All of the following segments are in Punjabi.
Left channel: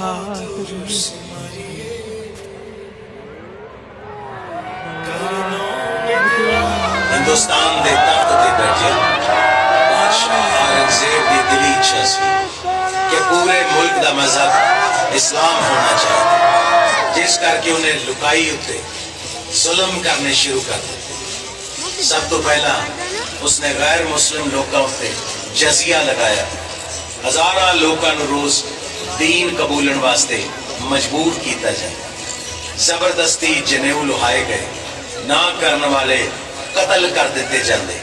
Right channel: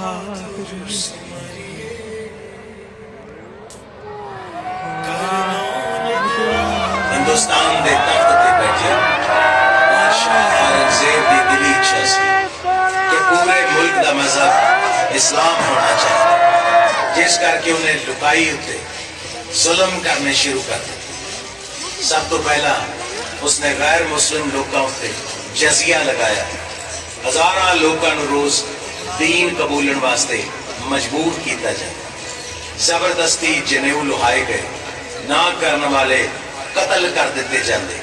ਬਹਾਦਰ ਹਿੰਦੁਸਤਾਨ ਦੇ ਤਖਤ ਤੇ ਬੈਠੇ ਬਾਦਸ਼ਾਹ ਔਰੰਗਜ਼ੇਬ ਦੀ ਦਿਲੀ ਇੱਛਾ ਸੀ ਕਿ ਪੂਰੇ ਮੁਲਕ ਦਾ ਮਜ਼ਹਬ ਇਸਲਾਮ ਹੋਣਾ ਚਾਹੀਦਾ ਜਿਸ ਕਰਕੇ ਉਹਨੇ ਲੁਕਾਈ ਉੱਤੇ ਜ਼ੁਲਮ ਕਰਨੇ ਸ਼ੁਰੂ ਕਰ ਦਿੱਤੇ ਸਭ ਤੋਂ ਪਹਿਲਾਂ ਉਸਨੇ ਗੈਰ ਮੁਸਲਿਮ ਲੋਕਾਂ ਉੱਤੇ ਜਜ਼ੀਆ ਲਗਾਇਆ ਹਜ਼ਾਰਾਂ ਲੋਕਾਂ ਨੂੰ ਰੋਜ਼ ਦੀਨ ਕਬੂਲਣ ਵਾਸਤੇ ਮਜਬੂਰ ਕੀਤਾ ਜਾਂਦਾ ਜ਼ਬਰਦਸਤੀ ਜਨੇਊ ਲੁਹਾਏ ਗਏ ਨਾ ਕਰਨ ਵਾਲੇ ਕਤਲ ਕਰ ਦਿੱਤੇ ਜਾਂਦੇ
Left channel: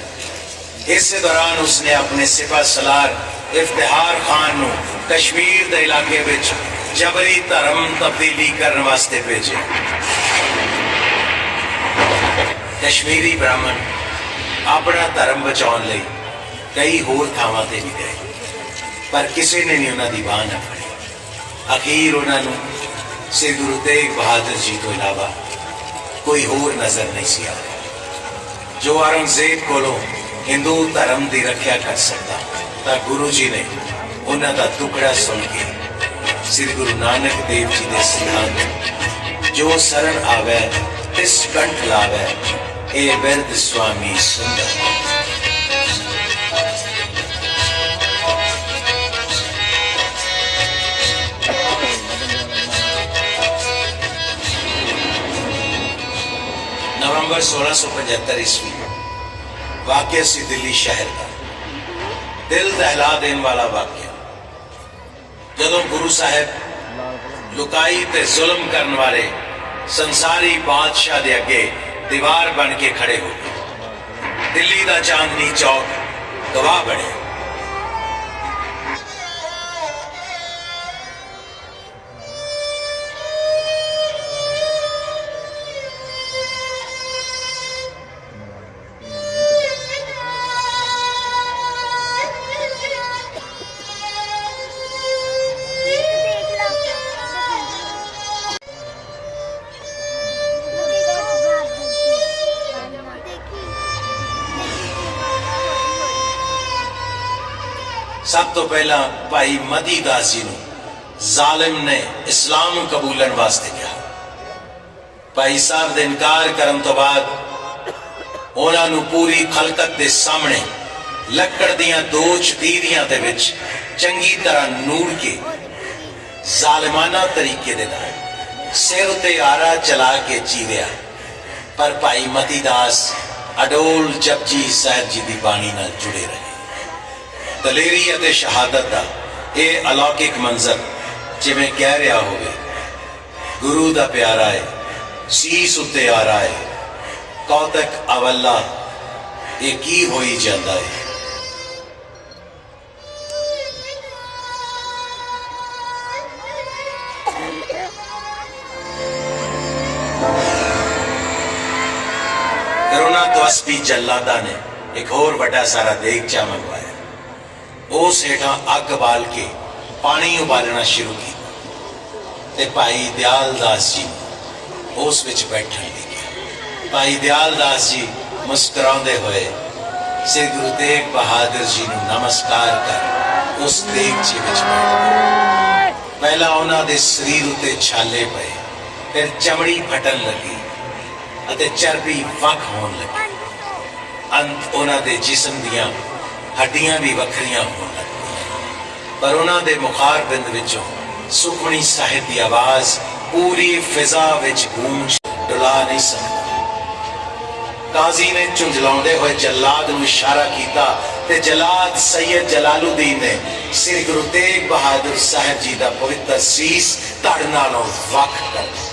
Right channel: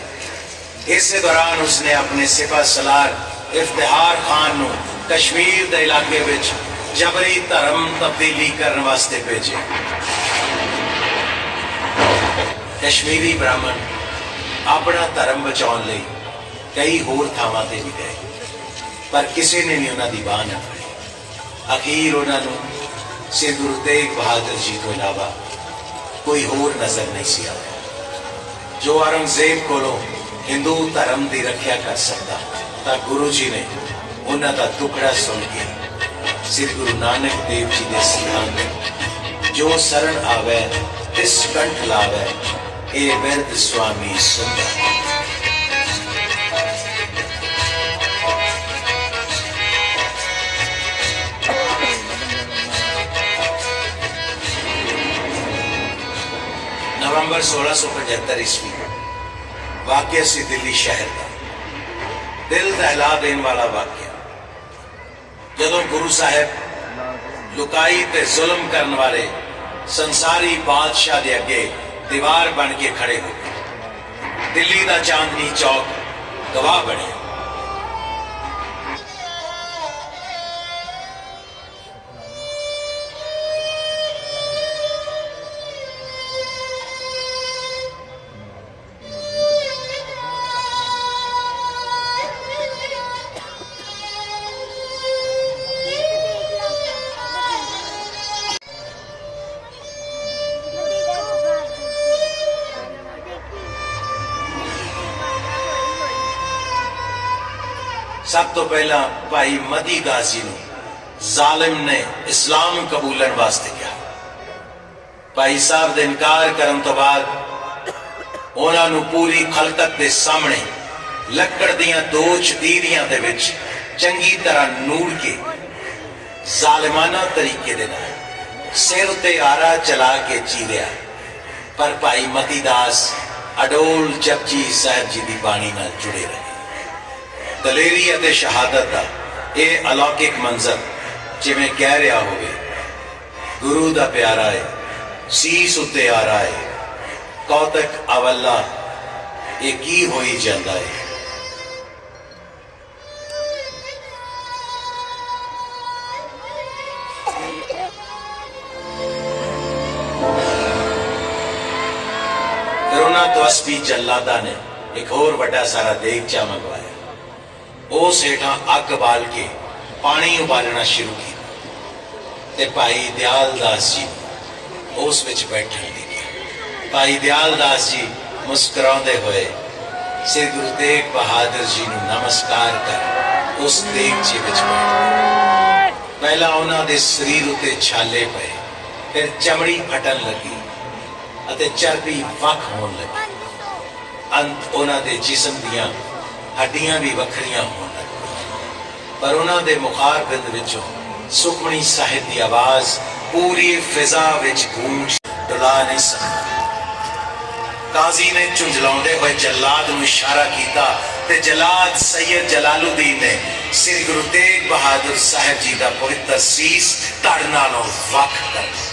ਇਸੇ ਦੌਰਾਨ ਉਸਨੇ ਆਪਣੇ ਸਿਪਾ ਸਲਾਰ ਇਫਤਿਹਾਰ ਖਾਨ ਨੂੰ ਕਸ਼ਮੀਰ ਦੇ ਇਲਾਕੇ ਵਿੱਚ ਜਬਰੀ ਧਰਮ ਤਬਦੀਲੀ ਕਰਨ ਵਾਸਤੇ ਭੇਜਿਆ ਕਸ਼ਮੀਰੀ ਬ੍ਰਾਹਮਣ ਆਪਣਾ ਧਰਮ ਬਚਾਉਣ ਲਈ ਕਈ ਹੋਰ ਥਾਵਾਂ ਤੇ ਵੀ ਗਏ ਪਰ ਕਿਸੇ ਨੇ ਨਹੀਂ ਉਹਨਾਂ ਦੀ ਬਾਹ ਨਾ ਫੜੀ ਅਖੀਰ ਉਹਨਾਂ ਨੂੰ ਸ੍ਰੀ ਗੁਰੂ ਤੇਗ ਬਹਾਦਰ ਜੀ ਤੋਂ ਇਲਾਵਾ ਕੋਈ ਹੋਰ ਨਜ਼ਰ ਨਹੀਂ ਸੀ ਆਇਆ। ਜੋ ਔਰੰਗਜ਼ੇਬ ਕੋਲੋਂ ਹਿੰਦੂ ਧਰਮ ਦੀ ਰੱਖਿਆ ਕਰ ਸਕਦਾ, ਤਾਂ ਗੁਰੂ ਜੀ ਨੇ ਉਹਨਾਂ ਦਾ ਟੁਕੜਾ ਸੁਣ ਕੇ ਸ੍ਰੀ ਗੁਰੂ ਨਾਨਕ ਦੇਵ ਜੀ ਦੇ ਸਿਧਾਂਤ ਜੋ ਸਰਣ ਆਵੇ ਇਸ ਕੰਠ ਲਾਵੇ, ਇਹ ਬਿਰਧ ਸੁਆਮੀ ਸੁੰਦਰ। ਨਵੰਬਰ 1675 ਈਸਵੀ ਵਾਕਿਆ ਸੀ ਦਿੱਲੀ ਸ਼ਹਿਰ ਦਾ। ਦਿਲ ਦਹਿਲਾ ਦੇਣ ਵਾਲਾ ਵਾਕਿਆ। ਜਦੋਂ ਗੁਰੂ ਸਾਹਿਬ ਲੁਕਾਈ ਤੇ ਜ਼ੁਲਮ ਕਰਨ ਵਾਲੇ ਸੰਸਾਰੀ ਬਾਦਸ਼ਾਹ ਦੇ ਅੱਗੇ ਦੀਵਾਰ ਬਣ ਕੇ ਖੜੇ ਹੋ ਗਏ। ਦਿੱਲੀ ਦਾ ਚਾਂਦਨੀ ਚੌਕ ਗਵਾਹ ਬਣਿਆ। ਸਭ ਤੋਂ ਪਹਿਲਾਂ ਭਾਈ ਮਦੀ ਦਾਸ ਜੀ ਨੂੰ ਜ਼ਾਲਿਮ ਨੇ ਇਸਲਾਮ ਕਬੂਲਣ ਵਾਸਤੇ ਕਿਹਾ। ਭਾਈ ਸਾਹਿਬ ਦੇ ਇਨਕਾਰ ਕਰਨ ਤੋਂ ਬਾਅਦ ਉਹਨਾਂ ਨੂੰ ਪੂਰੀ ਖਲਕਤ ਦੇ ਸਾਹਮਣੇ ਲੱਕੜ ਦੀਆਂ ਦੋ ਚਤੀਰੀਆਂ ਦੇ ਵਿੱਚ ਚੰਗੀ ਤਰ੍ਹਾਂ ਨੂਰ ਕੇ ਜ਼ਾਲਿਮਾਨਾ ਤਰੀਕੇ ਦੇ ਨਾਲ ਸਿਰ ਤੇ ਆਰਾ ਚਲਾ ਕੇ ਚੀਰਿਆ। ਪਰ ਭਾਈ ਮਤੀ ਦਾਸ ਅਡੋਲ ਜਪਜੀ ਸਾਹਿਬ ਜੀ ਦੀ ਬਾਣੀ ਨਾਲ ਜੁੜੇ ਰਹੇ। ਦਲੇਰੀ ਅਤੇ ਸ਼ਹਾਦਤ ਦਾ ਇਹ ਅਲੌਕਿਕ ਮੰਜ਼ਰ, ਜਿਵੇਂ ਕਹਿ ਰਿਹਾ ਹੋਵੇ। ਗੁਰੂ ਦਾ ਪਿਆਰਾ ਹੈ ਸੀਸ ਉੱਤੇ ਆ ਰਹਾ ਹੈ ਕੌਤਕ ਅਵੱਲਾ, ਇਹ ਕੀ ਹੋਈ ਜਾਂਦਾ ਹੈ ਕਰੋਨਾ ਤੋਂ ਅਸਪੀ ਜੱਲਾਦਾ ਨੇ ਇੱਕ ਹੋਰ ਵੱਡਾ ਸਾਰਾ ਦੇਖ ਦੇਗਚਾ ਮੰਗਵਾ ਉਸ ਹੇਠਾਂ ਅੱਗ ਬਾਲ ਕੇ ਪਾਣੀ ਉਬਾਲਣਾ ਸ਼ੁਰੂ ਕੀਤਾ। ਤੇ ਭਾਈ ਦਿਆਲ ਦਾਸ ਜੀ ਉਸ ਵਿੱਚ ਬੈਠਣ ਦੇ ਭਾਈ ਦਿਆਲ ਦਾਸ ਜੀ ਮੁਸਕਰਾਉਂਦੇ ਹੋਏ ਸ੍ਰੀ ਗੁਰੂ ਤੇਗ ਬਹਾਦਰ ਜੀ ਨੂੰ ਨਮਸਕਾਰ ਕਰ ਉਸ ਦੇਗਚੇ ਵਿੱਚ ਬੈਠ ਪਹਿਲਾਂ ਉਹਨਾਂ ਦੇ ਸਰੀਰ ਉਤੇ ਛਾਲੇ ਪਏ, ਫਿਰ ਚਮੜੀ ਫਟਣ ਲੱਗੀ ਅਤੇ ਚਰਬੀ ਵੱਖ ਹੋਣ ਲੱਗੀ। ਅੰਤ ਉਹਨਾਂ ਦੇ ਜਿਸਮ ਦੀਆਂ ਹੱਡੀਆਂ ਵੀ ਵੱਖਰੀਆਂ ਹੋਣ ਪਰ ਉਹਨਾਂ ਦੇ ਮੁਖਾਰ ਬਿੰਦ ਵਿੱਚੋਂ ਸੁਖਮਣੀ ਸਾਹਿਬ ਦੀ ਆਵਾਜ਼ ਪੂਰੀ ਫਿਜ਼ਾ ਵਿੱਚ ਗੂੰਜ ਡੁਲਾ ਨਹੀਂ ਸਕਦੀ। ਕਾਜ਼ੀ ਨੇ ਝੁੰਝਲਾਉਂਦੇ ਹੋਏ ਜੱਲਾਦ ਨੂੰ ਇਸ਼ਾਰਾ ਕੀਤਾ ਤੇ ਜਲਾਦ ਸੈਯਦ ਜਲਾਲੁਦੀਨ ਨੇ ਸ੍ਰੀ ਗੁਰੂ ਤੇਗ ਬਹਾਦਰ ਸਾਹਿਬ ਜੀ ਦਾ ਪਵਿੱਤਰ ਸੀਸ ਧੜ ਨਾਲੋਂ ਵੱਖ ਕਰ ਦਿੱਤਾ।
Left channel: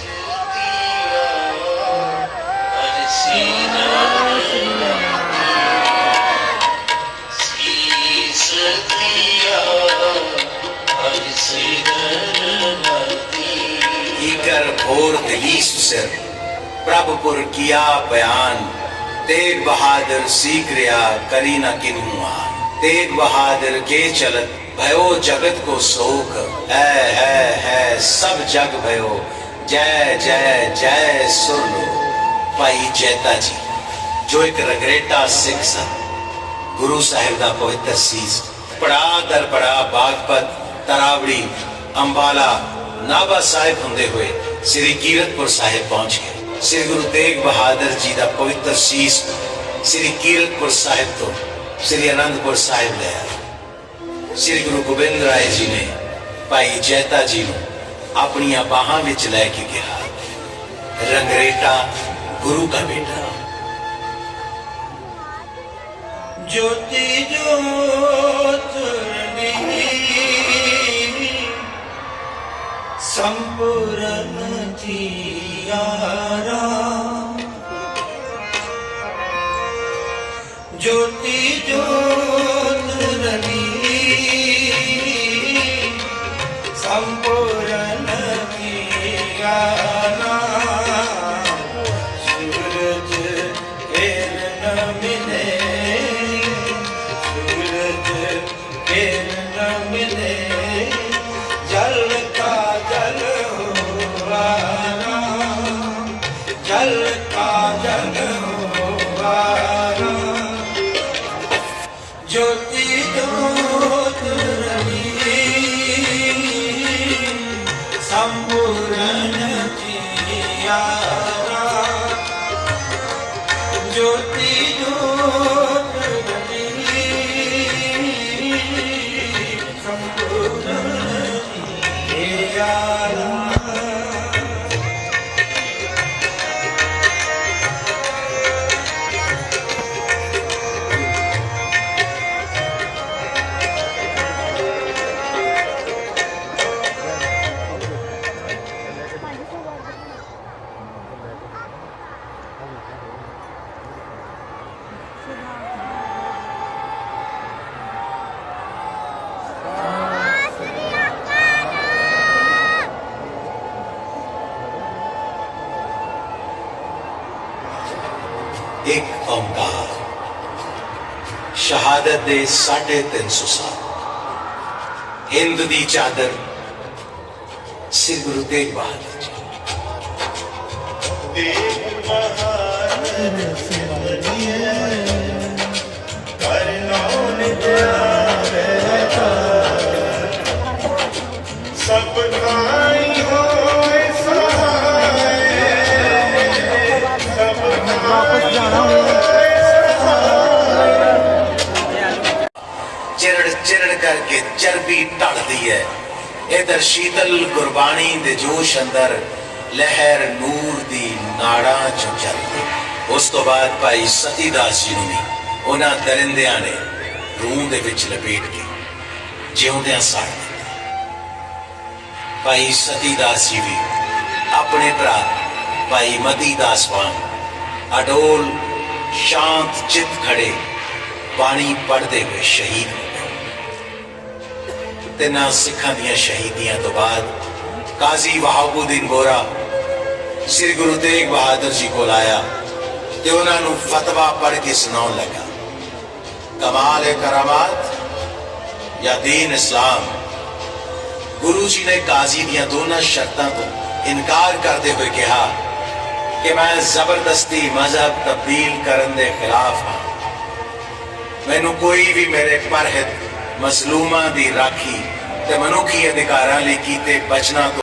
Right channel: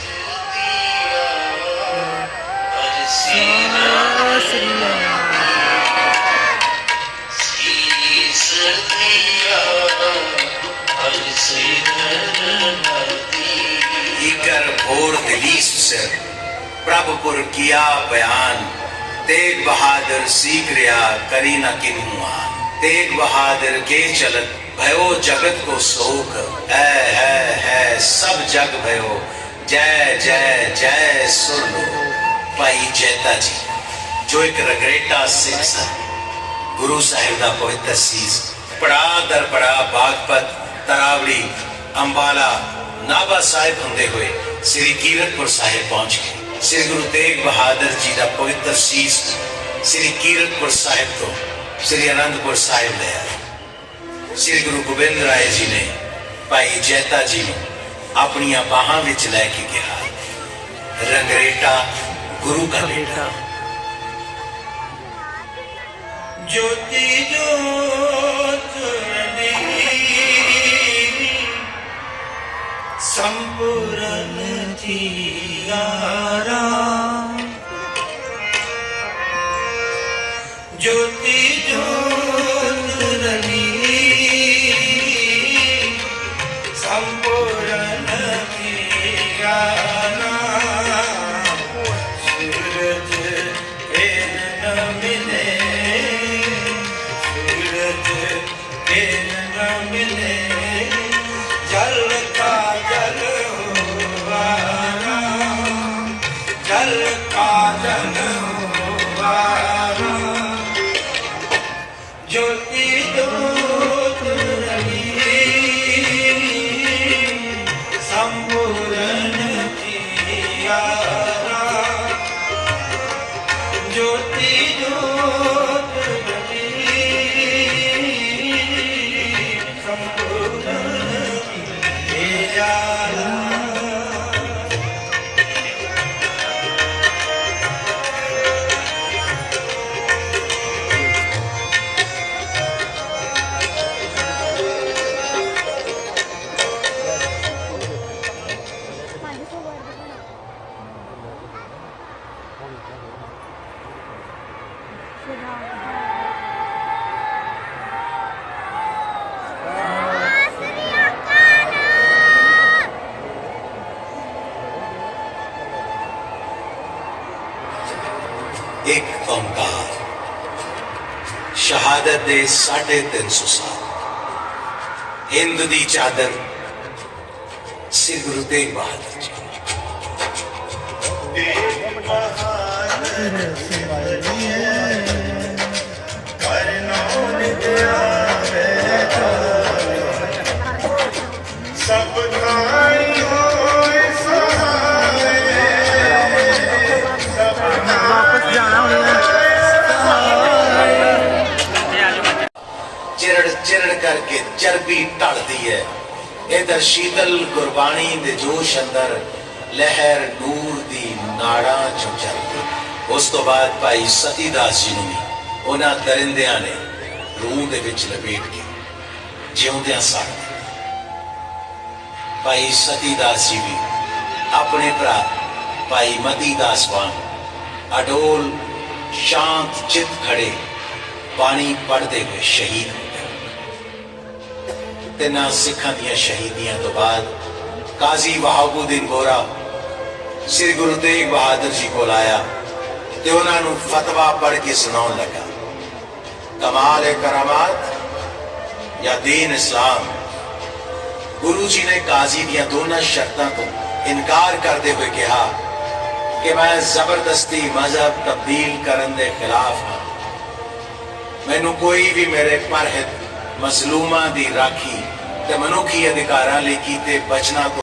لیڈر گھور دلیس سر پرب پر کیا بیان تیگ بہادر سیکھ ریا کرینا کنوان تیگ بہادر کے چلت بھیو جگت کو سوک اے ہے ہے سب جگ بھیو جے جے جے سر لو پائی جیتا جی جو ایک رگریٹا سکھ سا گرو صاحب کا کوئی تسیز پڑا در پڑا باغ پت ਤਰਾਵੜੀ ਅੰਬਾਲਾ ਨਾਭਾ ਸਾਹਿਬ ਹੁੰਦੇ ਹੋਏ ਸ੍ਰੀ ਕੀਰਤਪੁਰ ਸਾਹਿਬ ਪਹੁੰਚ ਗਏ। ਸ੍ਰੀ ਗੁਰੂ ਤੇਗ ਬਹਾਦਰ ਜੀ ਦਾ ਪਵਿੱਤਰ ਸੀਸ ਸ੍ਰੀ ਕੀਰਤਪੁਰ ਸਾਹਿਬ ਤੋਂ ਸ੍ਰੀ ਅਨੰਦਪੁਰ ਸਾਹਿਬ ਲੈ ਆਏ ਸ੍ਰੀ ਗੁਰੂ ਗੋਬਿੰਦ ਰਾਏ ਜੀ ਨੇ ਭਾਈ ਜੈਤਾ ਜੀ ਨੂੰ ਆਪਣੀਆਂ ਬਾਹਾਂ ਵਿੱਚ ਲੈ ਕੇ ਗਿਆ ਰੰਗਰੇਟਾ ਗੁਰੂ ਦਾ ਬੇਟਾ ਜੋਤੀ ਜੋਤ संपूर्ण जियारा ज्योति ज्योत संपूर्ण जियारा জ্যোতি ਇੱਕ ਓੰਕਾਰ ਸ਼ਹਾਦਤ ਦੇ 350 ਸਾਲ। ਹਿੰਦ ਦੀ ਚਾਦਰ ਸ੍ਰੀ ਗੁਰੂ ਤੇਗ ਬਹਾਦਰ ਜੀ ਇਹ ਮਹਾਨ ਸਿਮਰਨੀਏ ਕਰਨੋਂ ਨਿਤਿਆ ਬੈਠਾ ਸਭ ਕਾ ਚਰਬੀ ਢਲਦੀ ਹੈ। ਇਧਰ ਸ਼ੀਤਲ ਗੁਰਬਾਣੀ ਦੇ ਜੋਸ਼ ਅੰਦਰ ਲਹਿਰ ਨੂਰ ਦੀ ਨਾੜਾਂ ਚ ਚੱਲਦੀ। ਉਸ ਤੋਂ ਬਾਅਦ ਭਾਈ ਸਤੀਦਾਸ ਜੀ ਨੂੰ ਵੀ ਉਹਨਾਂ ਦਰਿੰਦਿਆਂ ਨੇ ਰੂਹ ਦੇ ਵਿੱਚ ਲਪੇਟ ਕੇ ਜਿਉਂਦਿਆਂ ਸਾੜ ਦਿੱਤਾ। ਭਾਈ ਸਤੀਦਾਸ ਜੀ ਵੀ ਆਪਣੇ ਭਰਾ ਭਾਈ ਮਤੀ ਦਾਸ ਵਾਂਗ ਅਡੋਲ ਸ਼ਾਂਤ ਚਿੱਤ ਖੜੇ ਪਾਣੀ ਪੜ੍ਹਦੇ ਹੋਏ ਸ਼ਹੀਦ ਹੋ ਗਏ। ਤੇ ਨਾ ਸਿੱਖਾਂ ਦੀਆਂ ਸ਼ਹੀਦੀਆਂ ਤੋਂ ਬਾਅਦ ਕਾਜ਼ੀ ਵਹਾਬੂਦੀਨ ਗੋਰਾ ਸ੍ਰੀ ਗੁਰੂ ਤੇਗ ਬਹਾਦਰ ਜੀ ਕੋਲ ਆਇਆ ਤੇ ਉਹਨਾਂ ਨੂੰ ਫਤਵਾ ਪੜ੍ਹ ਕੇ ਸੁਣਾਉਣ ਲੱਗਾ ਕਮਾਲ ਕਰਾਮਾਤ ਜਾਂ ਦੀਨ ਇਸਲਾਮ ਗੁਰੂ ਜੀ ਨੇ ਕਾਜ਼ੀ ਦੀਆਂ ਦੋਨਾਂ ਸ਼ਰਤਾਂ ਤੋਂ ਇਨਕਾਰ ਕਰਦੇ ਹੋਏ ਕਿਹਾ ਕਿ ਮੈਂ ਜ਼ਬਰਦਸਤੀ ਮਜ਼ਹਬ ਤਬਦੀਲ ਕਰਨ ਦੇ ਖਿਲਾਫ ਹਾਂ ਮੈਨੂੰ ਕੋਈ ਵੀ ਮੇਰੇ ਪਰਹਿਤ ਮਸਲੂਮਾਂ ਦੀ ਰਾਖੀ ਤੇ ਮਨੁੱਖੀ ਅਧਿਕਾਰਾਂ ਲਈ ਕੀਤੇ ਬਚਨਾਂ ਤੋਂ